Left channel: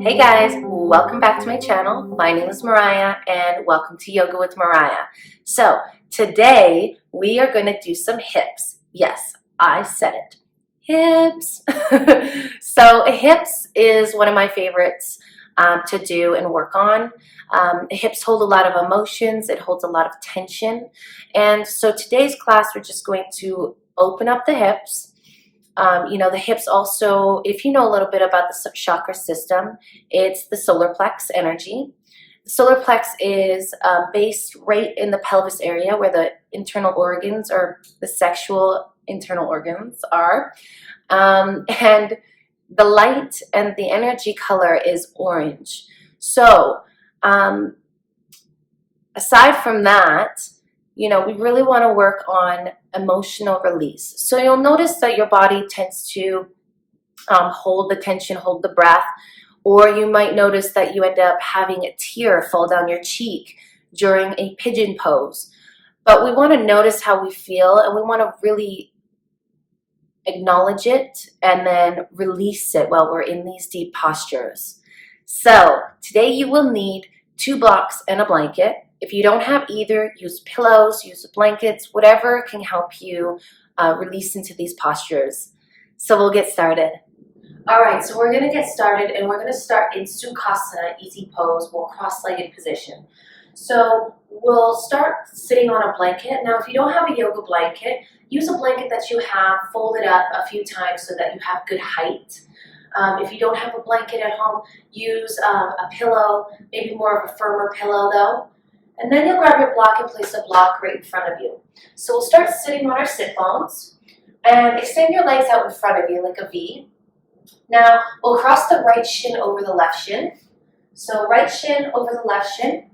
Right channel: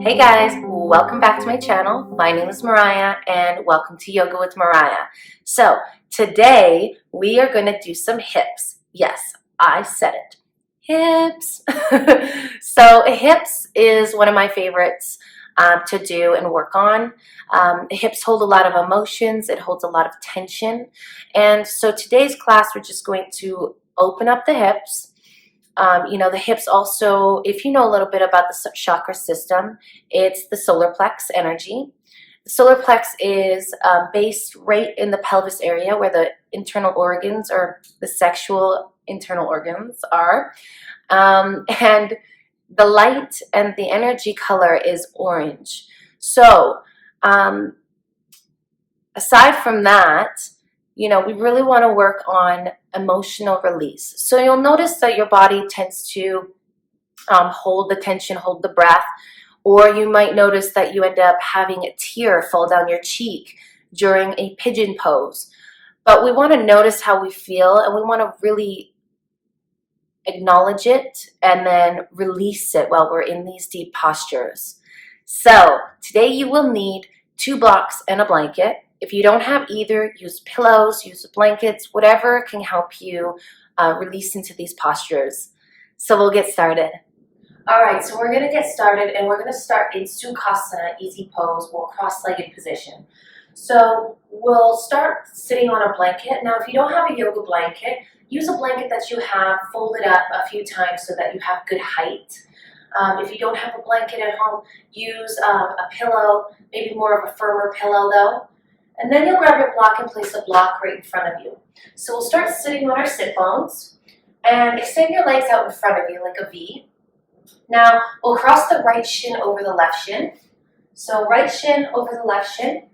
Hey guys, welcome back to my channel. My name is Mariah and welcome to Yoga with Mariah. So today we are going to do some hips. Yes, I said it. Hips. So hips is one of my favorites to do and work on. Hips hold a lot of emotions. It holds a lot of tension. And so today's class, we're just going to open up the hips. The hips also, if you know a little bit about the chakra system, it's the solar plex energy. The solar plex is based right in the pelvis area where the internal organs or the sexual internal organs are. And the light and the energy color is orange. So aside from that, we really want to work on emotional release. So you'll notice that your body tends to hold the tension, hold the breath, or you might notice that you end up having a tear fall down your cheek during a pigeon pose. But we want to notice how we feel, and we want to really acknowledge it and then release it while we're in these deep postures. So today you will need 2 blocks and a blanket. If you don't have either, use pillows, use blankets, whatever can help you release into these postures. So we'll get started. All right, so we're going to get started, and we're going to start in Sukhasana, easy pose, or cross-legged position. So we'll start sitting on a blanket. Now, if you don't have a yoga blanket, use a blanket that you have folded up a few times so that you have good height. If you don't have a blanket at home, use a pillow, maybe more of a firmer pillow though. And then you'll grab your block and place a block right in front of you. So we'll start sitting on our sit bones and extend your legs out in front of you like a V. Now we'll cross the right shin over the left shin. So right shin over the left shin.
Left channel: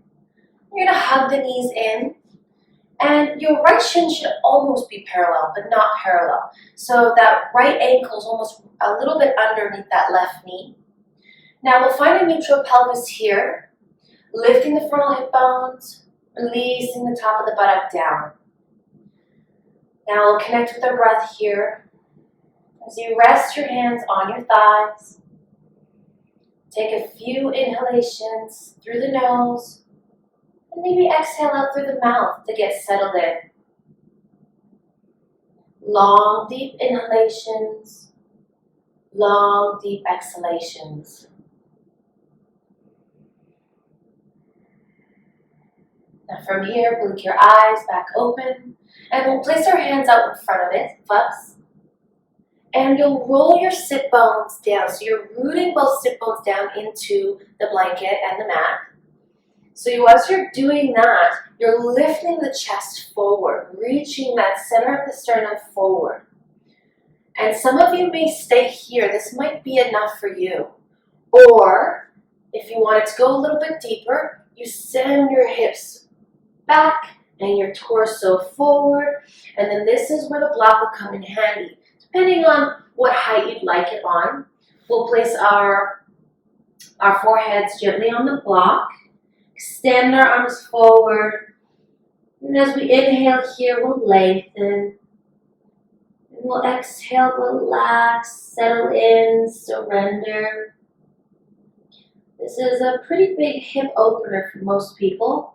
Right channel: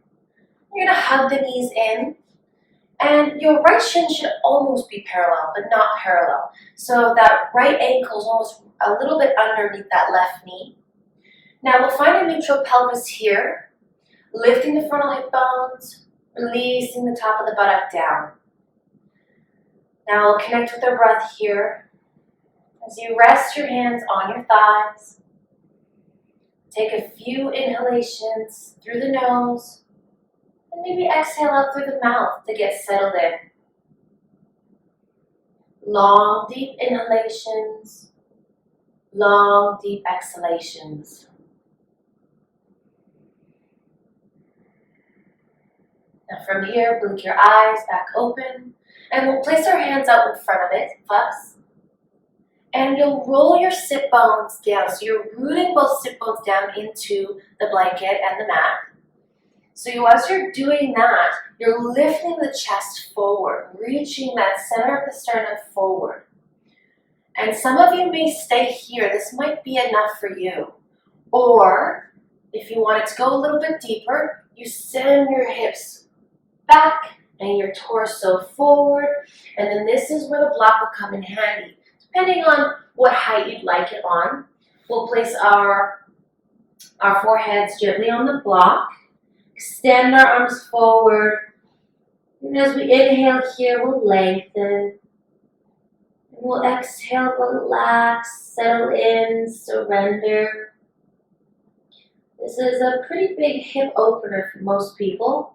You're gonna hug the knees in. And your right shin should almost be parallel, but not parallel. So that right ankle is almost a little bit underneath that left knee. Now we'll find a neutral pelvis here. Lifting the frontal hip bones, releasing the top of the buttock down. Now we'll connect with our breath here. As you rest your hands on your thighs, take a few inhalations through the nose, and maybe exhale out through the mouth to get settled in. Long, deep inhalations, long, deep exhalations. Now from here, blink your eyes back open, and we'll place our hands out in front of us. And you'll roll your sit bones down. So you're rooting both sit bones down into the blanket and the mat. So as you're doing that, you're lifting the chest forward, reaching that center of the sternum forward. And some of you may stay here. This might be enough for you. Or if you want it to go a little bit deeper, you send your hips back and your torso forward, and then this is where the block will come in handy. Depending on what height you'd like it on, we'll place our foreheads gently on the block, extend our arms forward, and as we inhale here, we'll lengthen, and we'll exhale, relax, settle in, surrender. This is a pretty big hip opener for most people.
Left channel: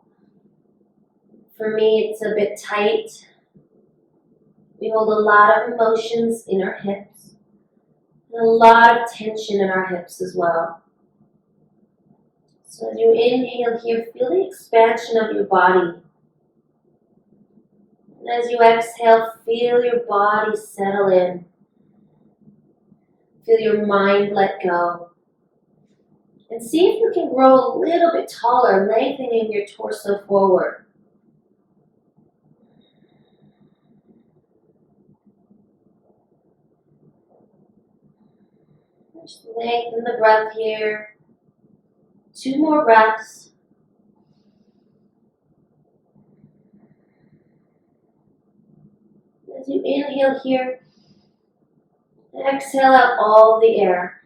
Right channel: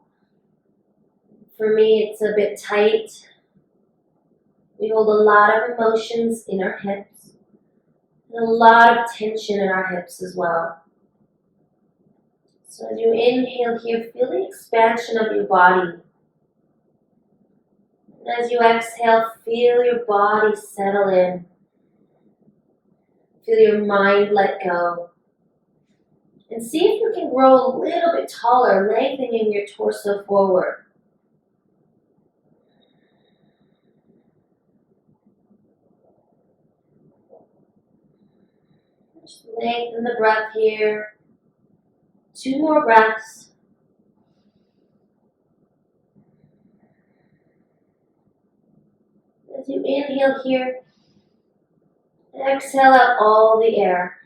For me, it's a bit tight. We hold a lot of emotions in our hips, and a lot of tension in our hips as well. So as you inhale here, feel the expansion of your body. And as you exhale, feel your body settle in. Feel your mind let go. And see if you can grow a little bit taller, lengthening your torso forward. Just lengthen the breath here. 2 more breaths. As you inhale here, exhale out all the air.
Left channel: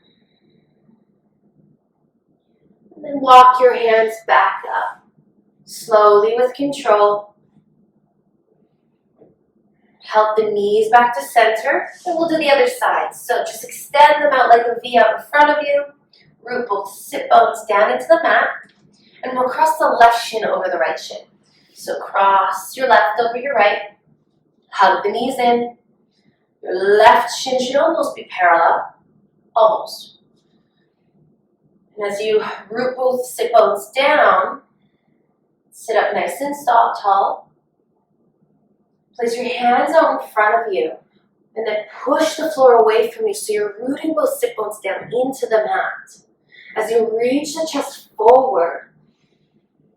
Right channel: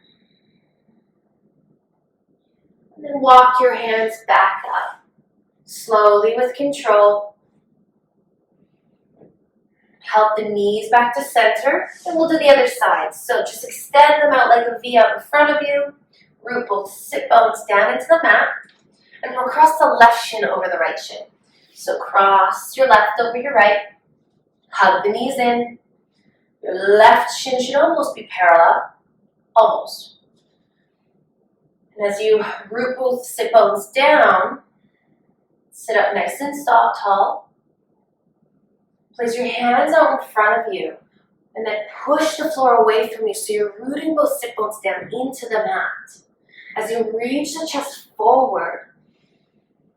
And then walk your hands back up. Slowly with control. Help the knees back to center, and we'll do the other side. So just extend them out like a V out in front of you. root both sit bones down into the mat, and we'll cross the left shin over the right shin. So cross your left over your right, hug the knees in. Your left shin should almost be parallel, almost. And as you root both sit bones down, sit up nice and tall. Place your hands out in front of you, and then push the floor away from you so you're rooting both sit bones down into the mat. As you reach the chest forward,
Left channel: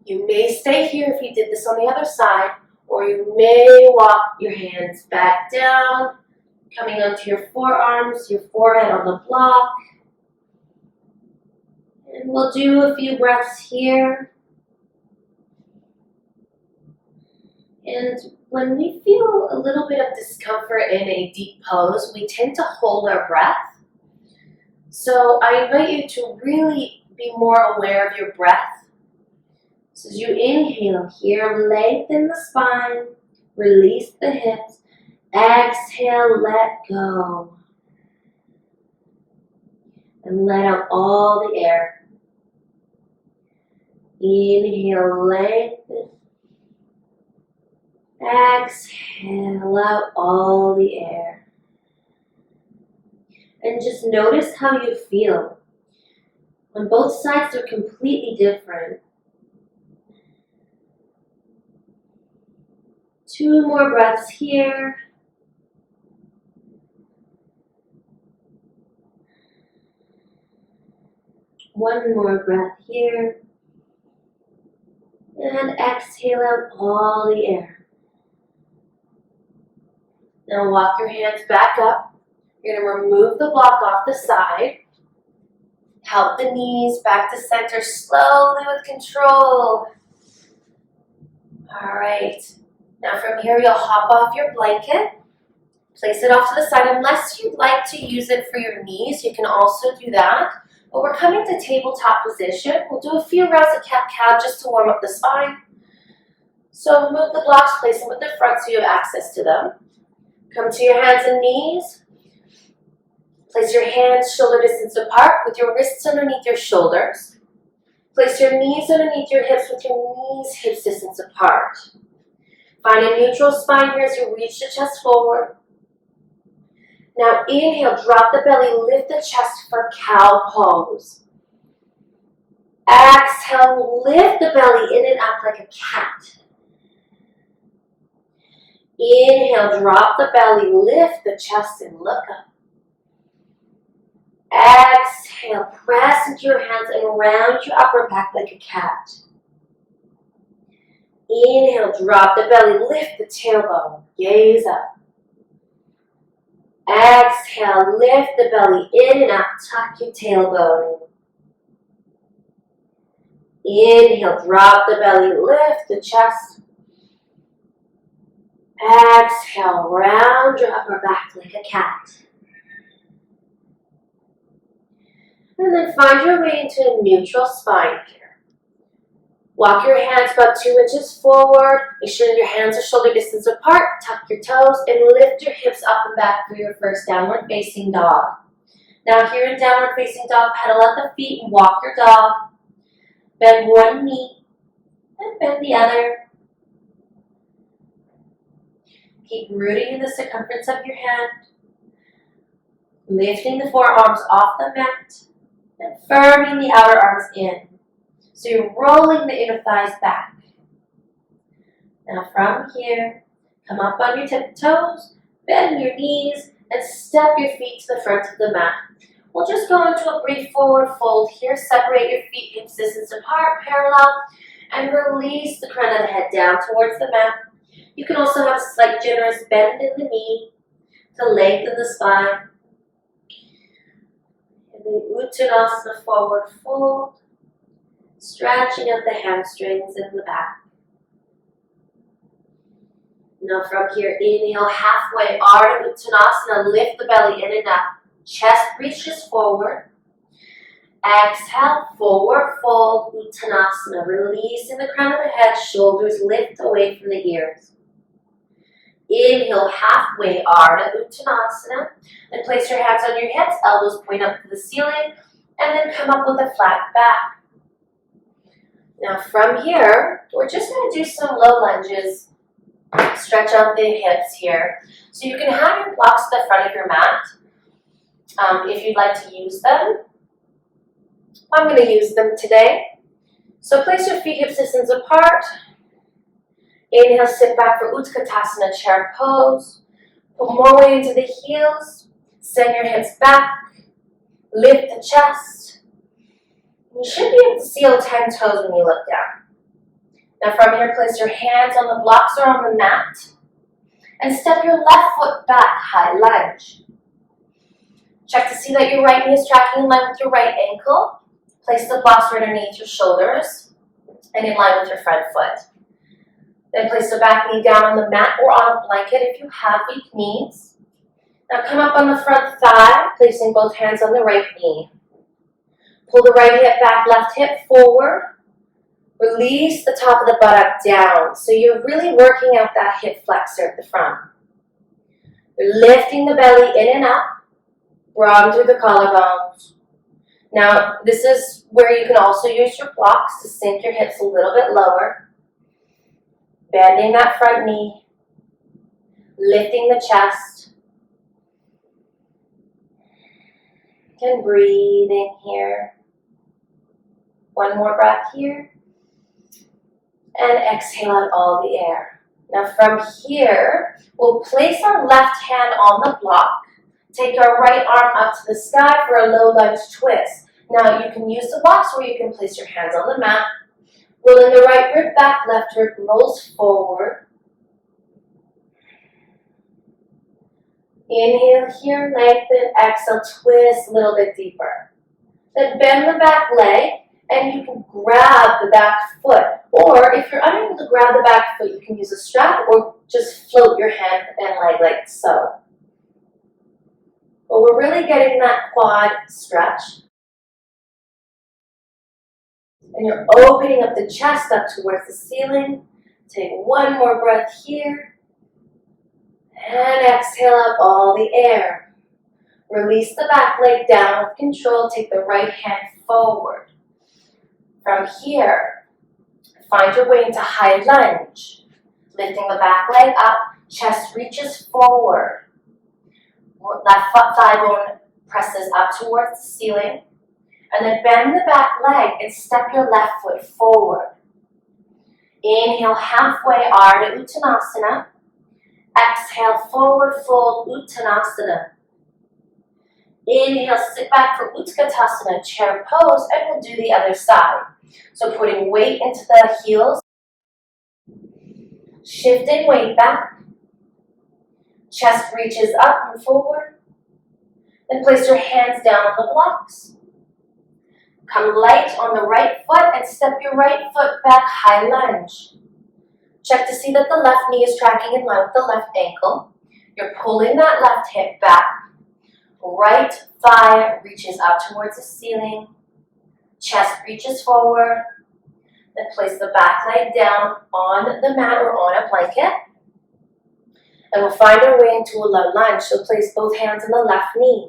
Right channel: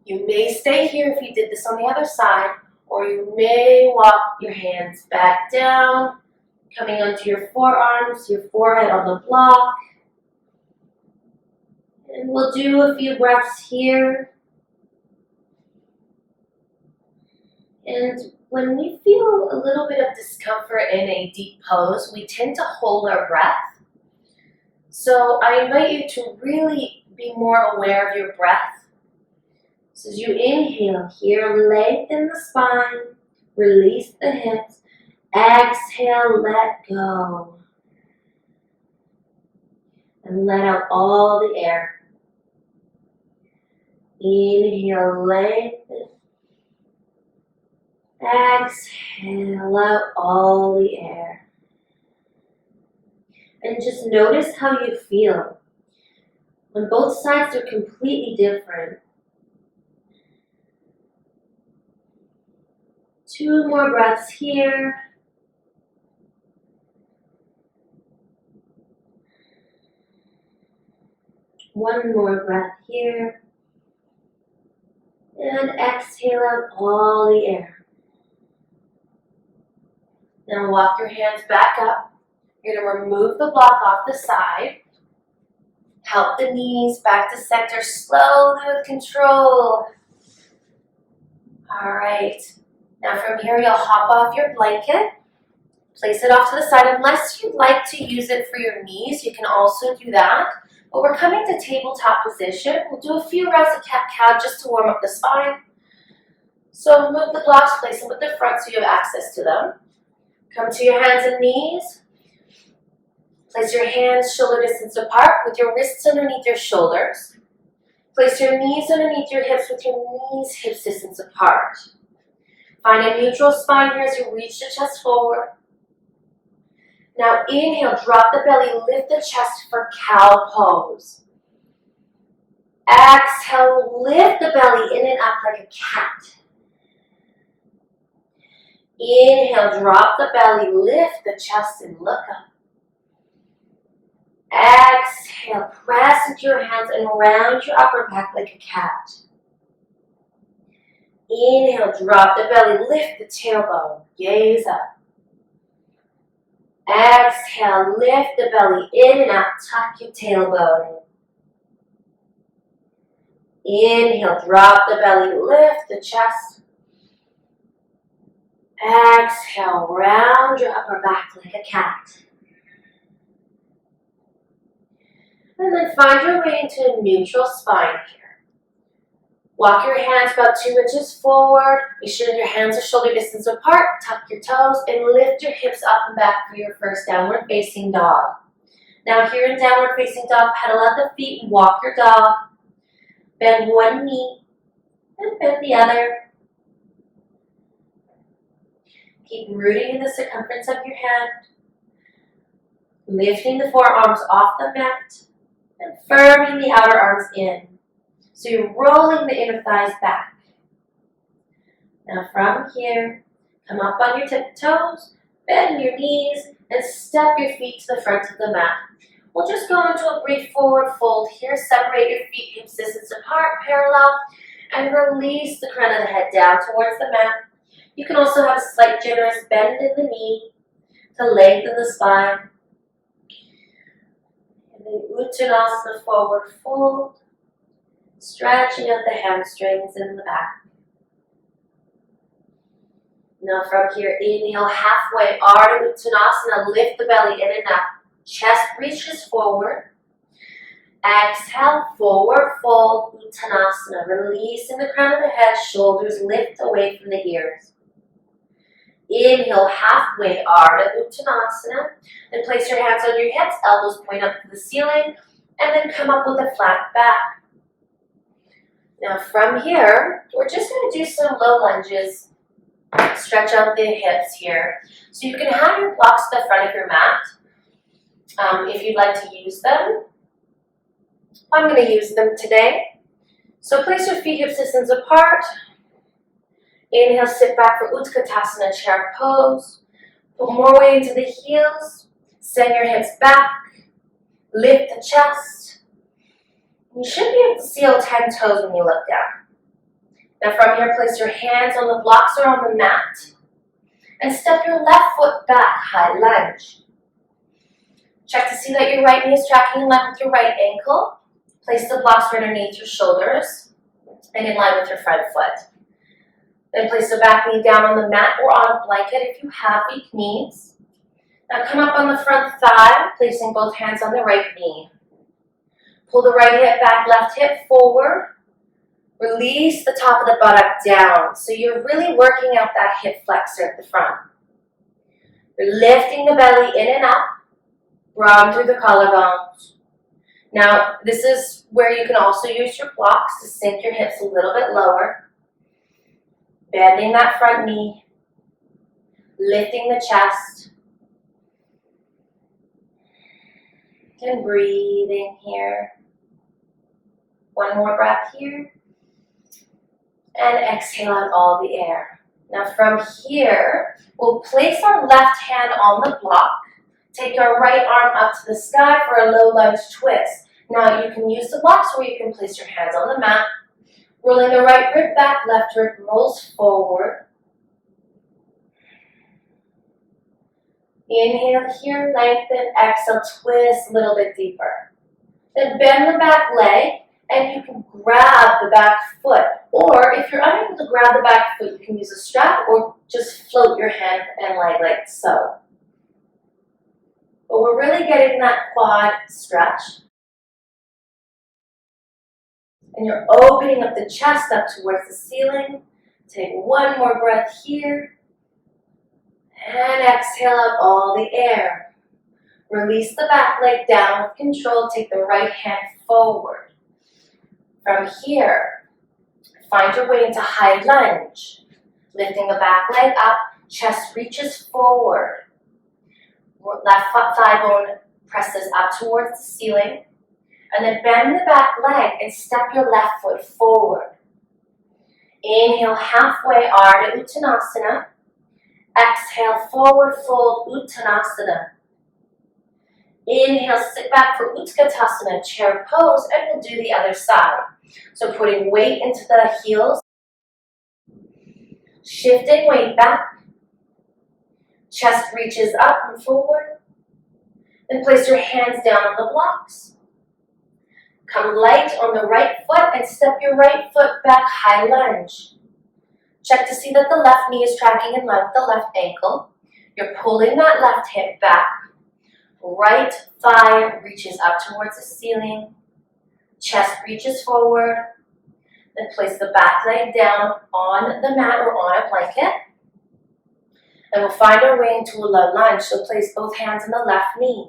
you may stay here if you did this on the other side, or you may walk your hands back down, coming onto your forearms, your forehead on the block. And we'll do a few breaths here. And when we feel a little bit of discomfort in a deep pose, we tend to hold our breath. So I invite you to really be more aware of your breath. So as you inhale here, lengthen the spine, release the hips. Exhale, let go. And let out all the air. Inhale, lengthen. Exhale out all the air. And just notice how you feel. On both sides, they're completely different. 2 more breaths here. One more breath here. And exhale out all the air. Now walk your hands back up. You're going to remove the block off the side. Help the knees back to center slowly with control. All right. Now from here, you'll hop off your blanket. Place it off to the side. Unless you'd like to use it for your knees, you can also do that. But we're coming to tabletop position. We'll do a few rounds of cat-cow just to warm up the spine. So move the blocks, place them with the front so you have access to them. Come to your hands and knees. Place your hands shoulder distance apart with your wrists underneath your shoulders. Place your knees underneath your hips with your knees hips distance apart. Find a neutral spine here as you reach the chest forward. Now inhale, drop the belly, lift the chest for cow pose. Exhale, lift the belly in and up like a cat. Inhale, drop the belly, lift the chest and look up. Exhale, press into your hands and round your upper back like a cat. Inhale, drop the belly, lift the tailbone, gaze up. Exhale, lift the belly in and up, tuck your tailbone in. Inhale, drop the belly, lift the chest. Exhale, round your upper back like a cat. And then find your way into a neutral spine here. Walk your hands about 2 inches forward. Make sure your hands are shoulder distance apart. Tuck your toes and lift your hips up and back for your first downward facing dog. Now here in downward facing dog, pedal out the feet and walk your dog. Bend one knee and bend the other. Keep rooting in the circumference of your hand. Lifting the forearms off the mat and firming the outer arms in. So you're rolling the inner thighs back. Now from here, come up on your tiptoes, bend your knees, and step your feet to the front of the mat. We'll just go into a brief forward fold here. Separate your feet hips distance apart, parallel, and release the crown of the head down towards the mat. You can also have a slight generous bend in the knee to lengthen the spine. And then Uttanasana, forward fold. Stretching out the hamstrings in the back. Now from here, inhale halfway, Ardha Uttanasana, lift the belly in and up. Chest reaches forward. Exhale, forward fold, Uttanasana, releasing the crown of the head, shoulders lift away from the ears. Inhale halfway, Ardha Uttanasana, and place your hands on your hips, elbows point up to the ceiling. and then come up with a flat back. Now from here, we're just going to do some low lunges. Stretch out the hips here. So you can have your blocks at the front of your mat if you'd like to use them. I'm going to use them today. So place your feet hip distance apart. Inhale, sit back for Utkatasana, chair pose. Put more weight into the heels. Send your hips back. Lift the chest. You should be able to seal 10 toes when you look down. Now from here, place your hands on the blocks or on the mat. And step your left foot back, high lunge. Check to see that your right knee is tracking in line with your right ankle. Place the blocks right underneath your shoulders and in line with your front foot. Then place the back knee down on the mat or on a blanket if you have weak knees. Now come up on the front thigh, placing both hands on the right knee. Pull the right hip back, left hip forward. Release the top of the buttock down. So you're really working out that hip flexor at the front. You're lifting the belly in and up, broaden through the collarbones. Now, this is where you can also use your blocks to sink your hips a little bit lower. Bending that front knee, lifting the chest, and breathing here. One more breath here. And exhale out all the air. Now from here, we'll place our left hand on the block. Take our right arm up to the sky for a low lunge twist. Now you can use the blocks or you can place your hands on the mat. Rolling the right rib back, left rib rolls forward. Inhale here, lengthen, exhale, twist a little bit deeper. Then bend the back leg. And you can grab the back foot. Or if you're unable to grab the back foot, you can use a strap or just float your hand and leg like so. But we're really getting that quad stretch. And you're opening up the chest up towards the ceiling. Take one more breath here. And exhale out all the air. Release the back leg down with control. Take the right hand forward. From here, find your way into high lunge. Lifting the back leg up, chest reaches forward. Left thigh bone presses up towards the ceiling. And then bend the back leg and step your left foot forward. Inhale, halfway Ardha Uttanasana. Exhale, forward fold Uttanasana. Inhale, sit back for Utkatasana, chair pose, and we'll do the other side. So putting weight into the heels, shifting weight back, chest reaches up and forward, then place your hands down on the blocks. Come light on the right foot and step your right foot back, high lunge. Check to see that the left knee is tracking in line with the left ankle. You're pulling that left hip back. Right thigh reaches up towards the ceiling. Chest reaches forward. Then place the back leg down on the mat or on a blanket. And we'll find our way into a low lunge. So place both hands on the left knee.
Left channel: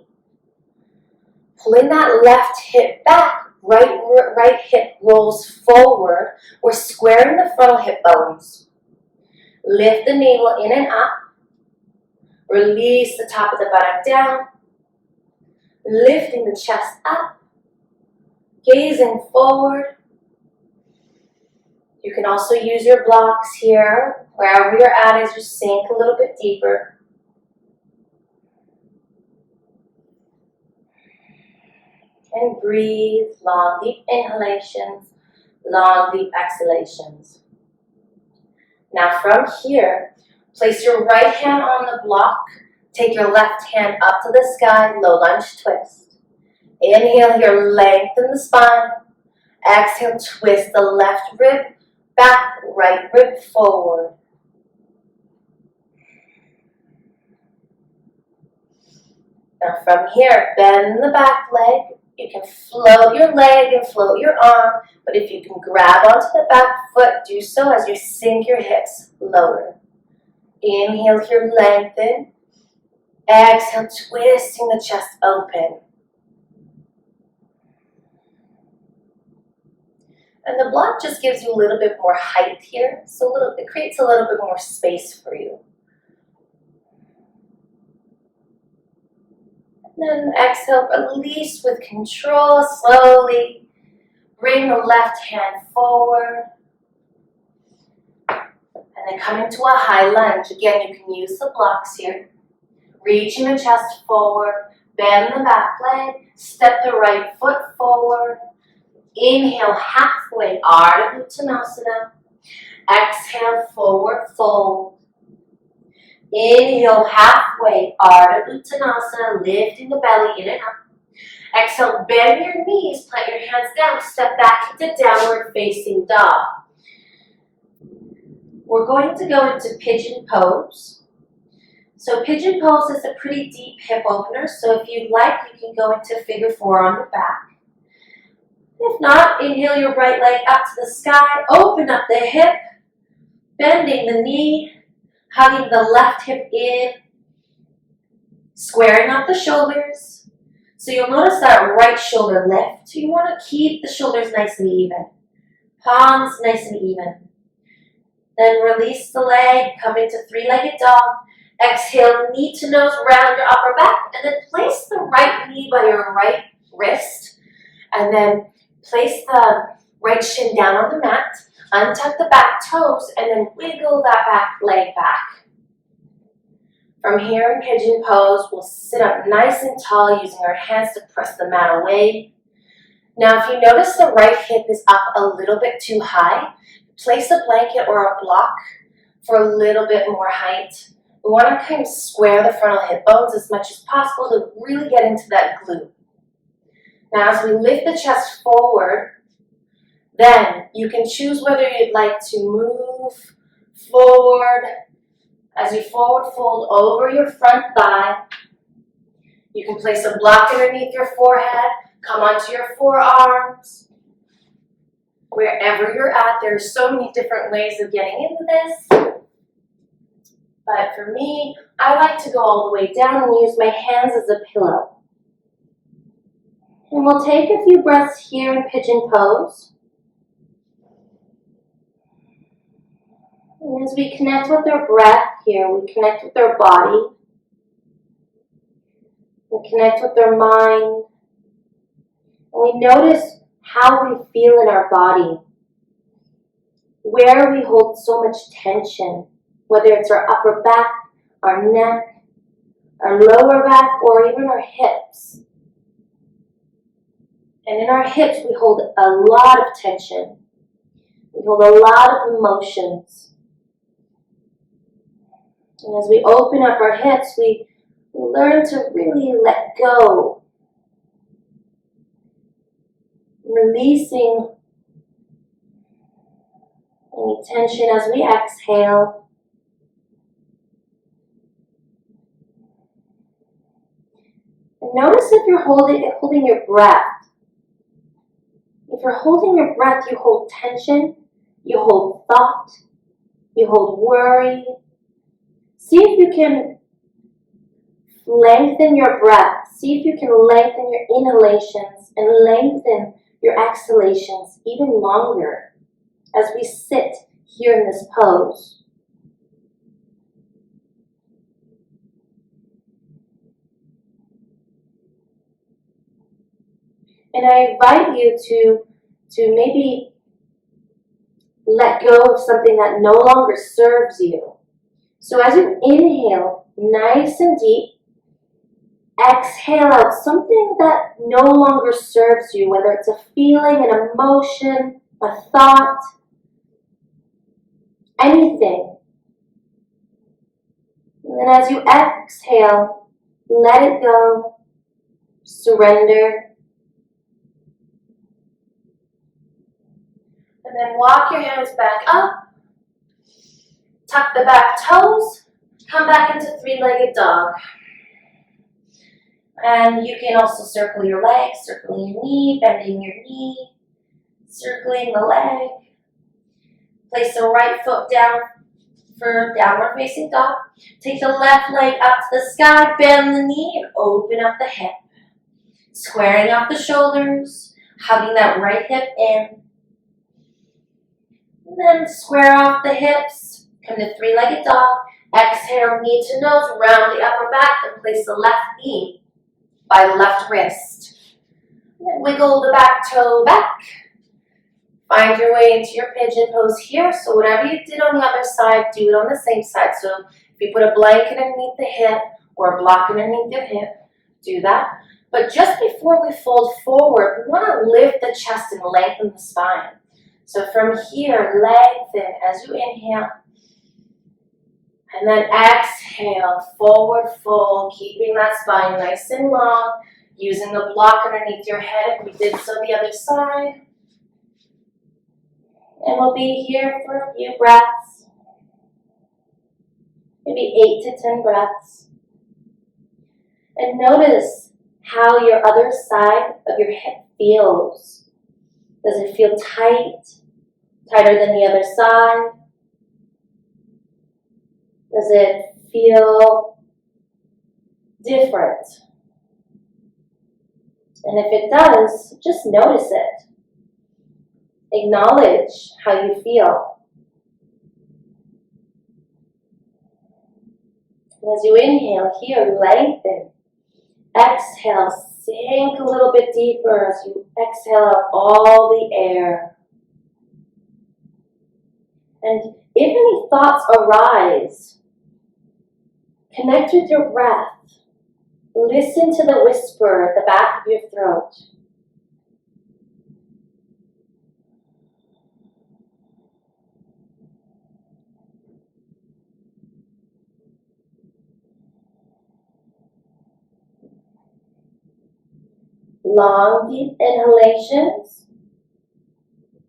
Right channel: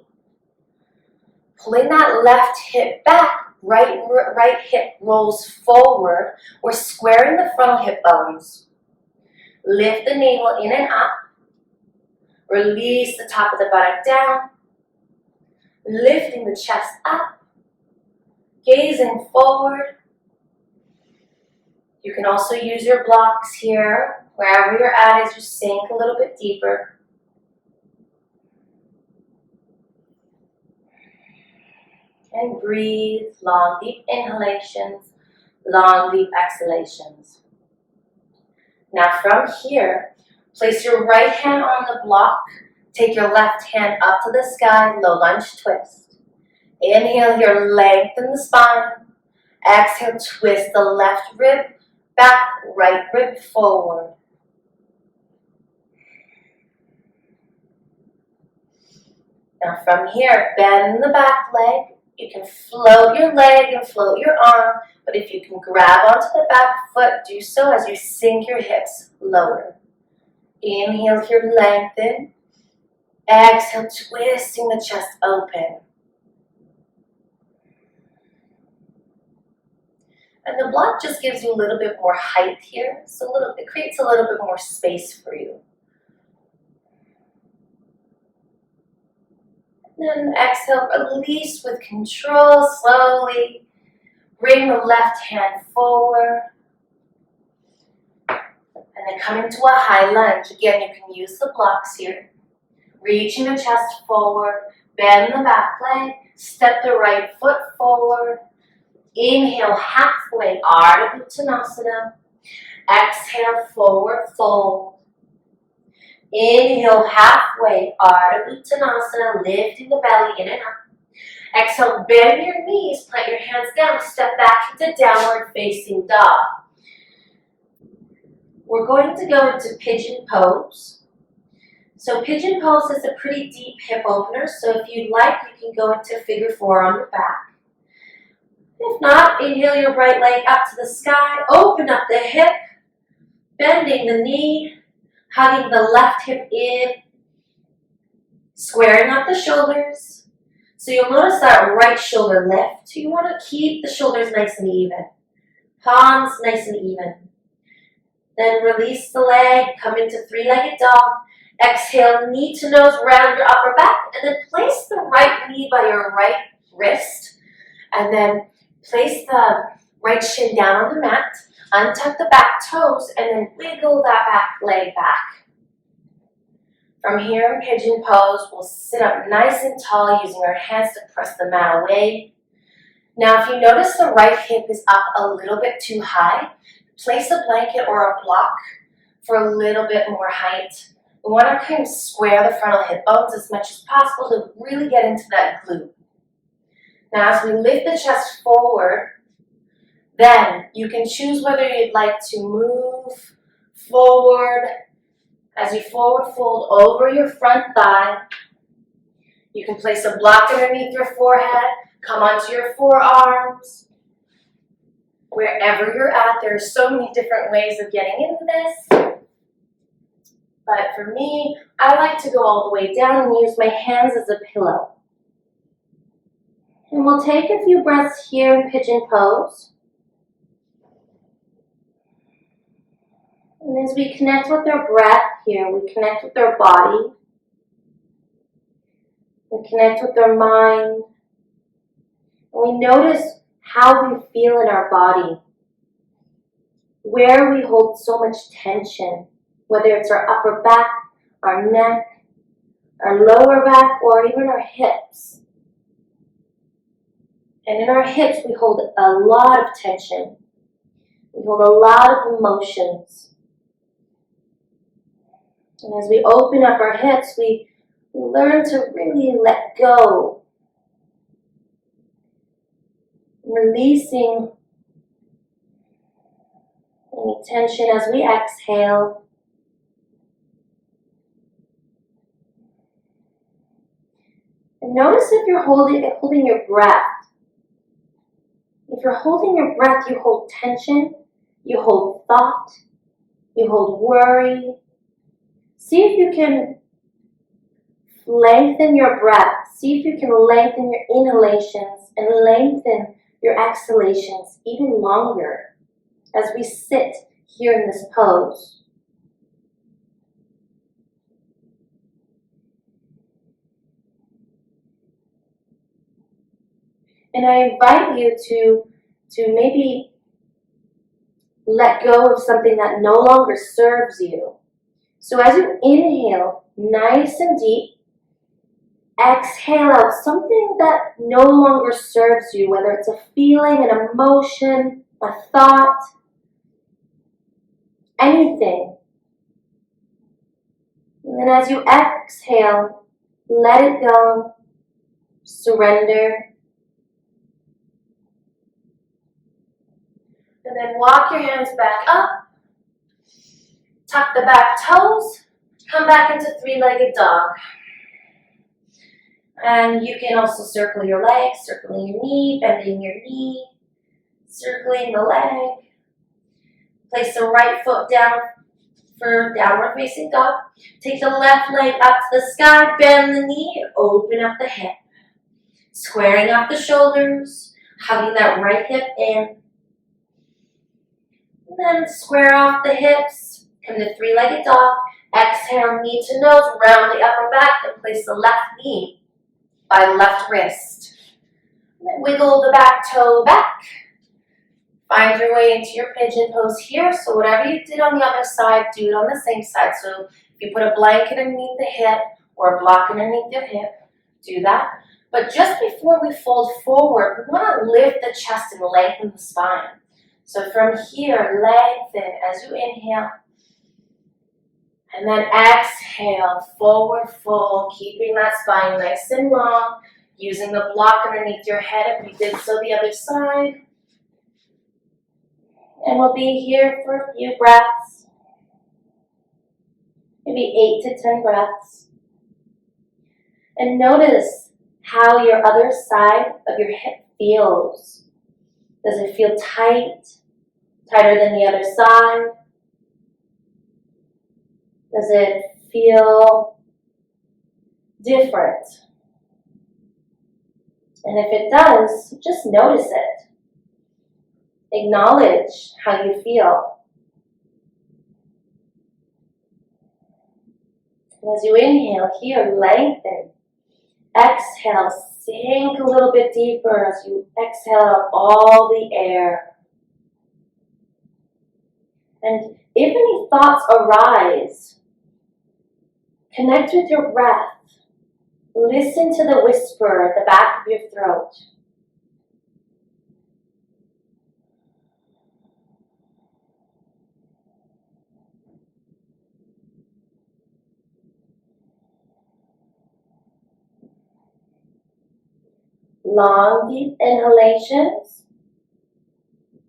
Pulling that left hip back, right hip rolls forward. We're squaring the frontal hip bones. Lift the navel in and up. Release the top of the buttock down. Lifting the chest up. Gazing forward. You can also use your blocks here, wherever you're at as you sink a little bit deeper. And breathe, long, deep inhalations, long, deep exhalations. Now from here, place your right hand on the block. Take your left hand up to the sky, low lunge twist. Inhale here, lengthen the spine. Exhale, twist the left rib back, right rib forward. Now from here, bend the back leg. You can float your leg and float your arm, but if you can grab onto the back foot, do so as you sink your hips lower. Inhale here, lengthen. Exhale, twisting the chest open. And the block just gives you a little bit more height here. So it creates a little bit more space for you. And then exhale, release with control, slowly. Bring the left hand forward. And then come into a high lunge. Again, you can use the blocks here. Reaching the chest forward. Bend the back leg. Step the right foot forward. Inhale, halfway, Ardha Uttanasana. Exhale, forward fold. Inhale, halfway, Ardha Uttanasana, lifting the belly in and up. Exhale, bend your knees, plant your hands down, step back into downward facing dog. We're going to go into pigeon pose. So pigeon pose is a pretty deep hip opener, so if you'd like, you can go into figure four on the back. If not, inhale your right leg up to the sky, open up the hip, bending the knee, hugging the left hip in, squaring up the shoulders. So you'll notice that right shoulder lift. You want to keep the shoulders nice and even. Palms nice and even. Then release the leg, come into three-legged dog. Exhale, knee to nose, round your upper back, and then place the right knee by your right wrist. And then place the right shin down on the mat. Untuck the back toes, and then wiggle that back leg back. From here in pigeon pose, we'll sit up nice and tall using our hands to press the mat away. Now, if you notice the right hip is up a little bit too high, place a blanket or a block for a little bit more height. We want to kind of square the frontal hip bones as much as possible to really get into that glute. Now, as we lift the chest forward, then you can choose whether you'd like to move forward. As you forward fold over your front thigh, you can place a block underneath your forehead, come onto your forearms. Wherever you're at, there are so many different ways of getting into this. But for me, I like to go all the way down and use my hands as a pillow. And we'll take a few breaths here in pigeon pose. And as we connect with our breath here, we connect with our body. We connect with our mind. And we notice how we feel in our body. Where we hold so much tension, whether it's our upper back, our neck, our lower back, or even our hips. And in our hips, we hold a lot of tension. We hold a lot of emotions. And as we open up our hips, we learn to really let go. Releasing any tension as we exhale. And notice if you're holding your breath. If you're holding your breath, you hold tension, you hold thought, you hold worry. See if you can lengthen your breath. See if you can lengthen your inhalations and lengthen your exhalations even longer as we sit here in this pose. And I invite you to maybe let go of something that no longer serves you. So as you inhale nice and deep, exhale out something that no longer serves you, whether it's a feeling, an emotion, a thought, anything. And then as you exhale, let it go, surrender. And then walk your hands back up. Tuck the back toes. Come back into three-legged dog. And you can also circle your legs, circling your knee, bending your knee, circling the leg. Place the right foot down for downward facing dog. Take the left leg up to the sky, bend the knee, and open up the hip. Squaring up the shoulders, hugging that right hip in. And then square off the hips. Come to three-legged dog. Exhale, knee to nose, round the upper back, and place the left knee by the left wrist. And then wiggle the back toe back. Find your way into your pigeon pose here. So whatever you did on the other side, do it on the same side. So if you put a blanket underneath the hip or a block underneath your hip, do that. But just before we fold forward, we want to lift the chest and lengthen the spine. So from here, lengthen as you inhale. And then exhale, forward fold, keeping that spine nice and long, using the block underneath your head if you did so the other side. And we'll be here for a few breaths, maybe 8 to 10 breaths. And notice how your other side of your hip feels. Does it feel tight, tighter than the other side? Does it feel different? And if it does, just notice it. Acknowledge how you feel. And as you inhale here, lengthen. Exhale, sink a little bit deeper as you exhale out all the air. And if any thoughts arise, connect with your breath. Listen to the whisper at the back of your throat. Long, deep inhalations.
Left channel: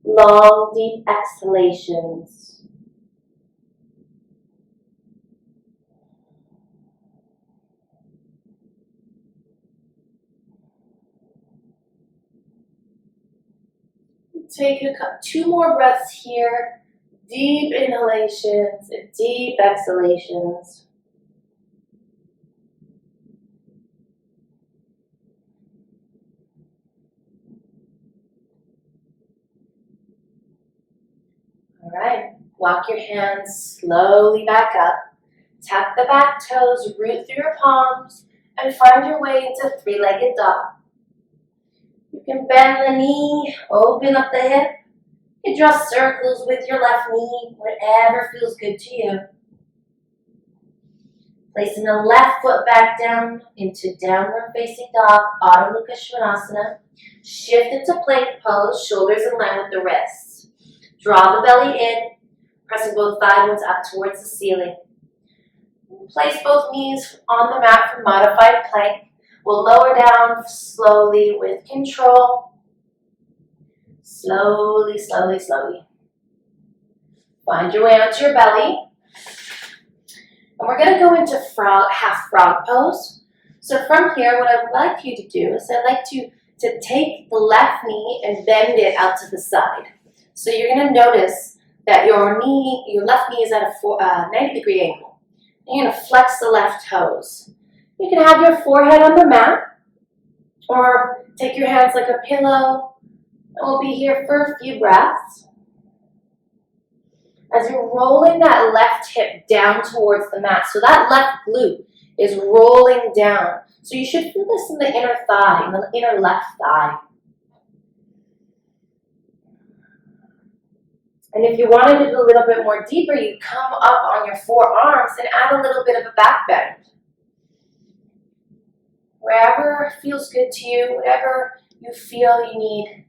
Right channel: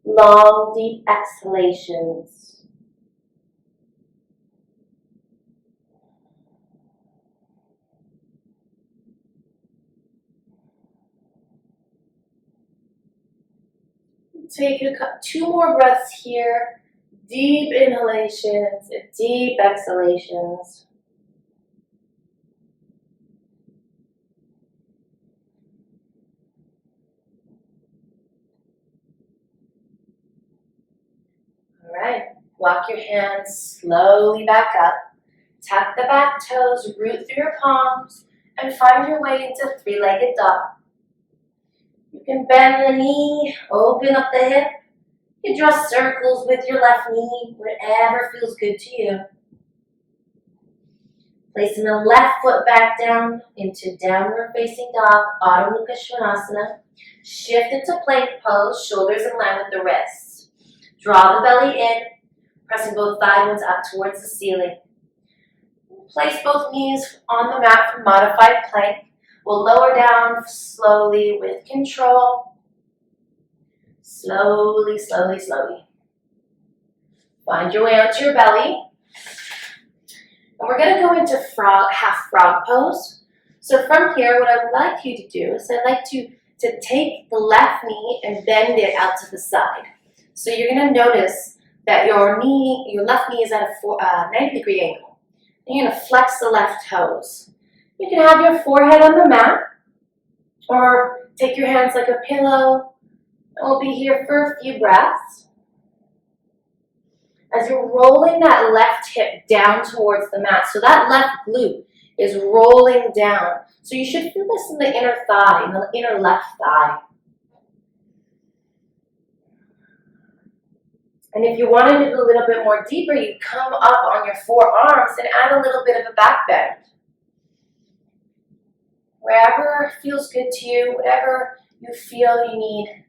Long, deep exhalations. Take 2 more breaths here. Deep inhalations and deep exhalations. All right, walk your hands slowly back up. Tap the back toes, root through your palms, and find your way into three-legged dog. You can bend the knee, open up the hip. You can draw circles with your left knee, whatever feels good to you. Placing the left foot back down into downward facing dog, Adho Mukha Svanasana. Shift into plank pose, shoulders in line with the wrists. Draw the belly in, pressing both thigh bones up towards the ceiling. Place both knees on the mat for modified plank. We'll lower down slowly with control. Slowly, slowly, slowly. Find your way onto your belly. And we're going to go into half frog pose. So from here, what I would like you to do is I'd like to take the left knee and bend it out to the side. So you're going to notice that your left knee is at a 90-degree angle. And you're going to flex the left toes. You can have your forehead on the mat, or take your hands like a pillow, and we'll be here for a few breaths. As you're rolling that left hip down towards the mat, so that left glute is rolling down. So you should feel this in the inner thigh, in the inner left thigh. And if you wanted it a little bit more deeper, you come up on your forearms and add a little bit of a back bend. Wherever feels good to you, whatever you feel you need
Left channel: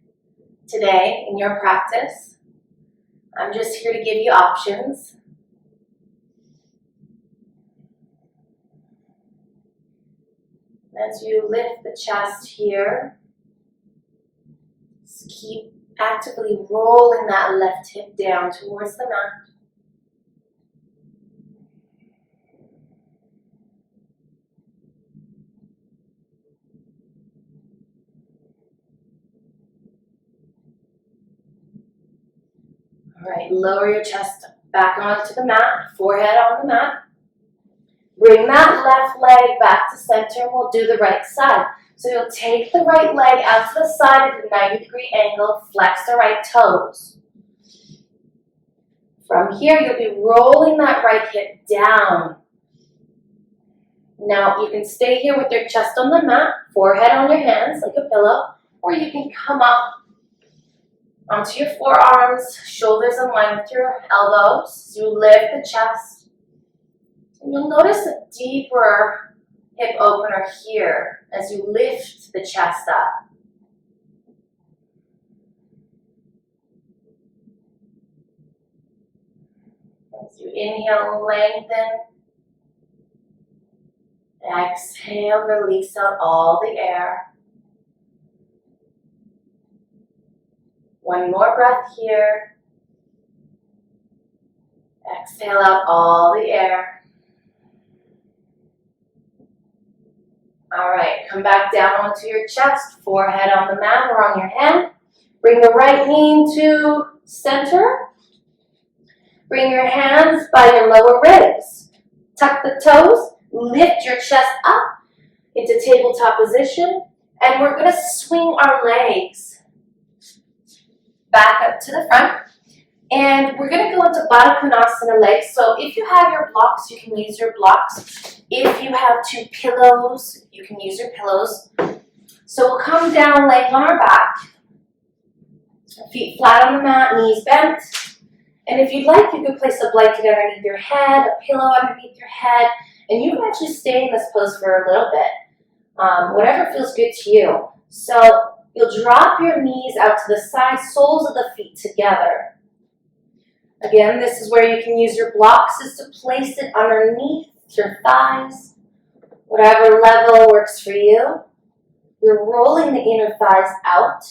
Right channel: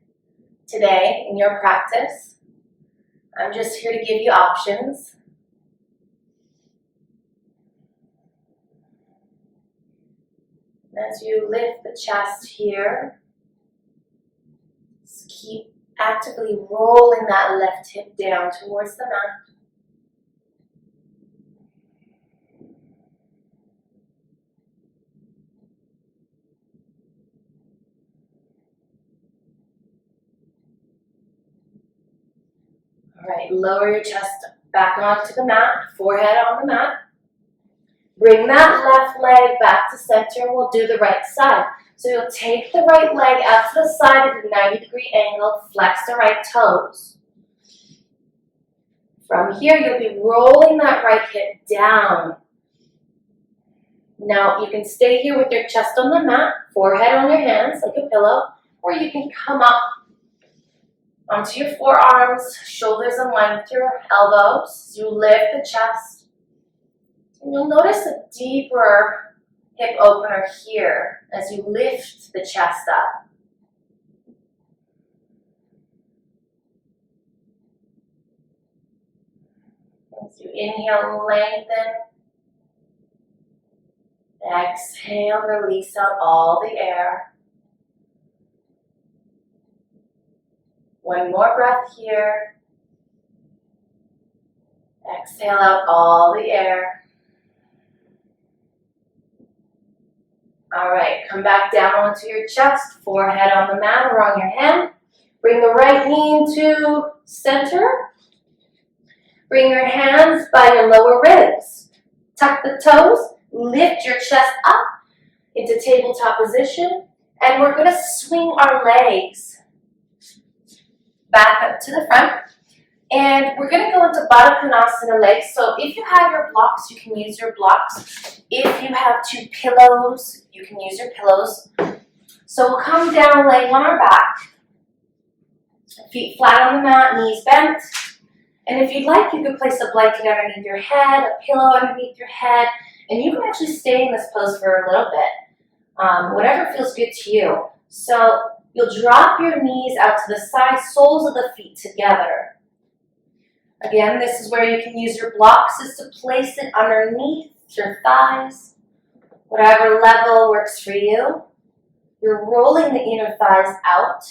today in your practice. I'm just here to give you options. As you lift the chest here, just keep actively rolling that left hip down towards the mat. All right, lower your chest back onto the mat, forehead on the mat. Bring that left leg back to center, and we'll do the right side. So you'll take the right leg out to the side at a 90-degree angle, flex the right toes. From here, you'll be rolling that right hip down. Now, you can stay here with your chest on the mat, forehead on your hands like a pillow, or you can come up onto your forearms, shoulders in line with your elbows. You lift the chest. And you'll notice a deeper hip opener here as you lift the chest up. As you inhale, lengthen. Exhale, release out all the air. One more breath here. Exhale out all the air. All right, come back down onto your chest, forehead on the mat or on your hand. Bring the right knee into center. Bring your hands by your lower ribs. Tuck the toes, lift your chest up into tabletop position, and we're gonna swing our legs back up to the front. And we're gonna go into Baddha Konasana legs. So if you have your blocks, you can use your blocks. If you have two pillows, you can use your pillows. So we'll come down laying on our back. Feet flat on the mat, knees bent. And if you'd like, you could place a blanket underneath your head, a pillow underneath your head, and you can actually stay in this pose for a little bit, whatever feels good to you. So you'll drop your knees out to the side, soles of the feet together. Again, this is where you can use your blocks, is to place it underneath your thighs, whatever level works for you. You're rolling the inner thighs out.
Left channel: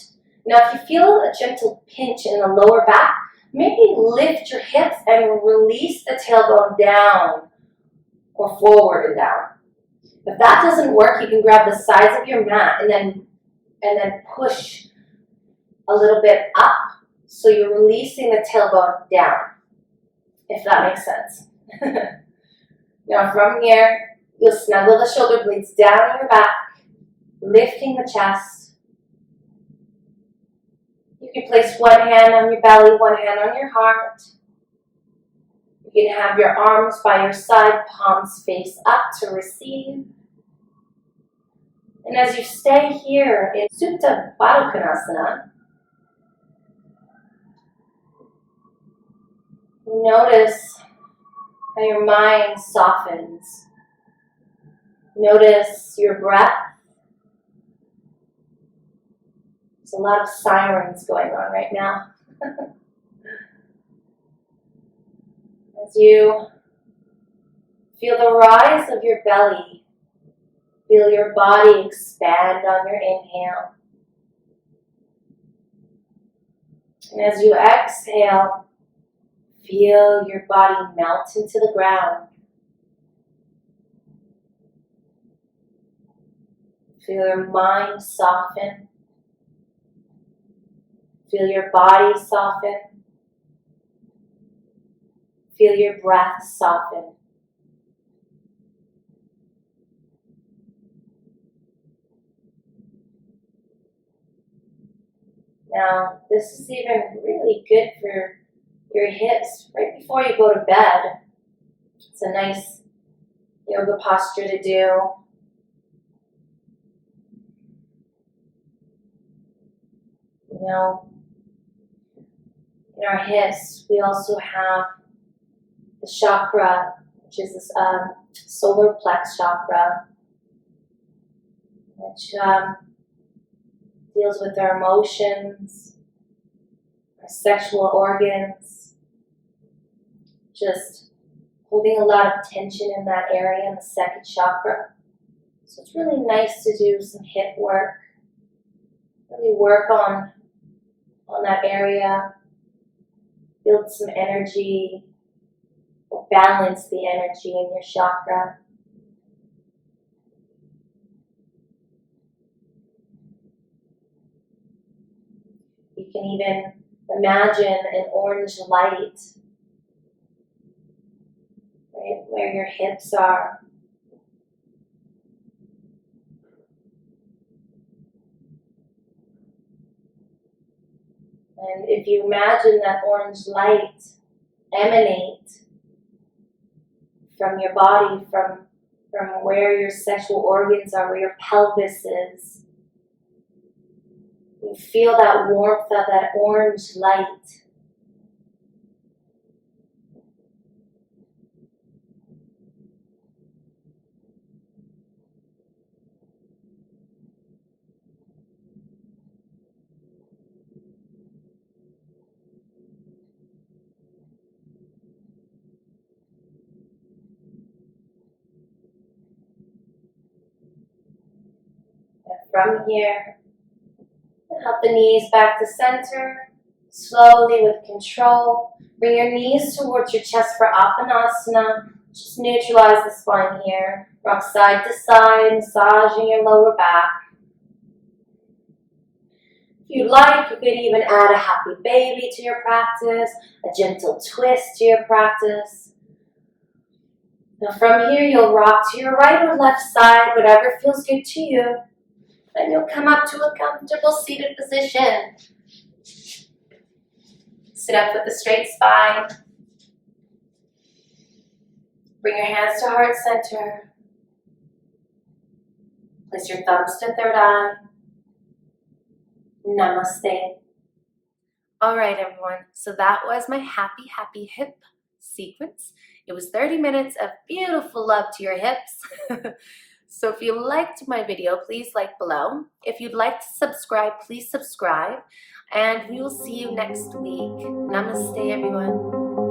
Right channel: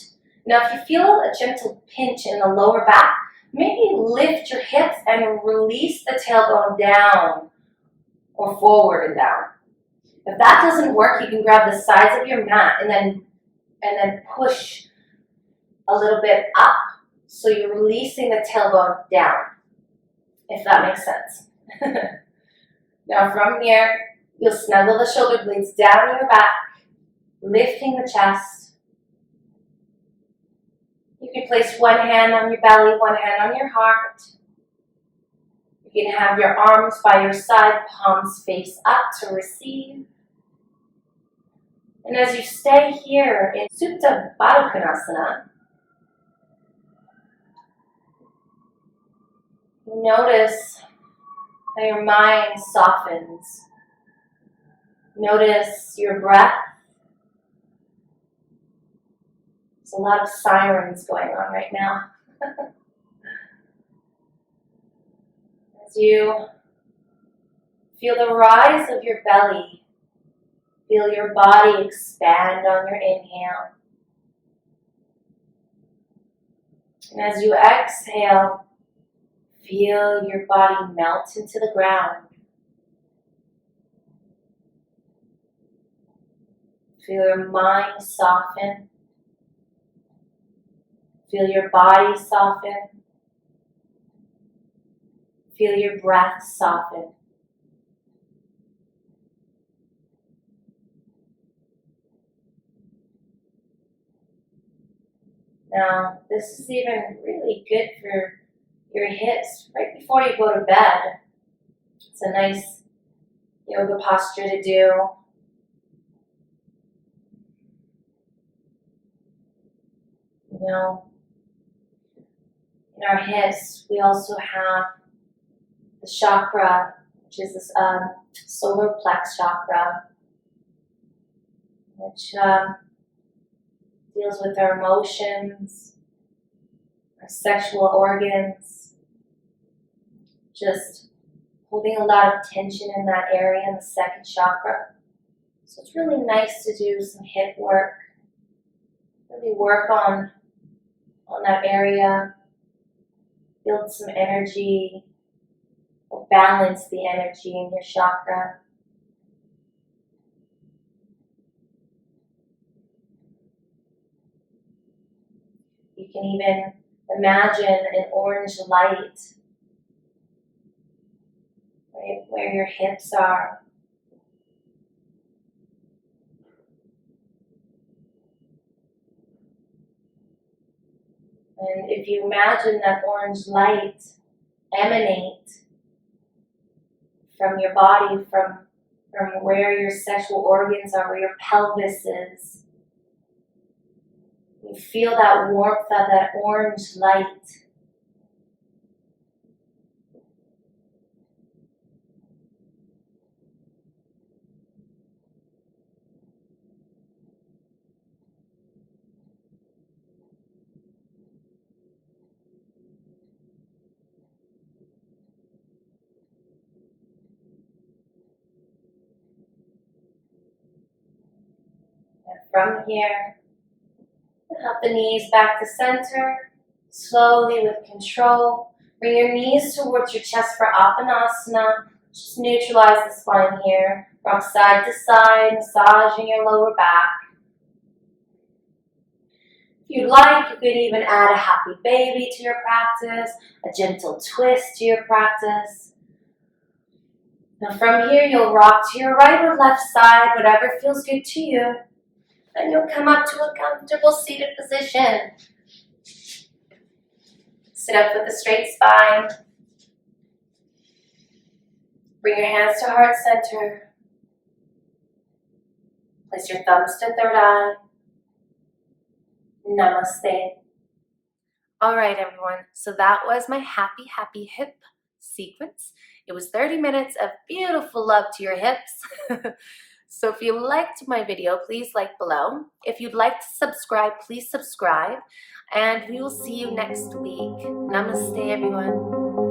Now, if you feel a gentle pinch in the lower back, maybe lift your hips and release the tailbone down or forward and down. If that doesn't work, you can grab the sides of your mat and then push a little bit up so you're releasing the tailbone down, if that makes sense. Now from here, you'll snuggle the shoulder blades down in your back, lifting the chest. You can place one hand on your belly, one hand on your heart. You can have your arms by your side, palms face up to receive. And as you stay here in Supta Baddha Konasana, notice how your mind softens. Notice your breath. There's a lot of sirens going on right now. As you feel the rise of your belly, feel your body expand on your inhale. And as you exhale, feel your body melt into the ground. Feel your mind soften. Feel your body soften. Feel your breath soften. Now, this is even really good for your hips right before you go to bed. It's a nice yoga posture to do. You know, in our hips, we also have the chakra, which is this solar plex chakra, which deals with our emotions, our sexual organs, just holding a lot of tension in that area in the second chakra. So it's really nice to do some hip work, really work on that area, build some energy, or balance the energy in your chakra. You can even imagine an orange light right where your hips are. And if you imagine that orange light emanate from your body, from where your sexual organs are, where your pelvis is. You feel that warmth of that orange light. And from here, help the knees back to center. Slowly, with control, bring your knees towards your chest for Apanasana. Just neutralize the spine here. Rock side to side, massaging your lower back. If you'd like, you could even add a happy baby to your practice, a gentle twist to your practice. Now from here, you'll rock to your right or left side, whatever feels good to you. Then you'll come up to a comfortable seated position. Sit up with a straight spine. Bring your hands to heart center. Place your thumbs to third eye. Namaste. All right, everyone. So that was my happy hip sequence. It was 30 minutes of beautiful love to your hips. So if you liked my video, please like below. If you'd like to subscribe, please subscribe. And we will see you next week. Namaste, everyone.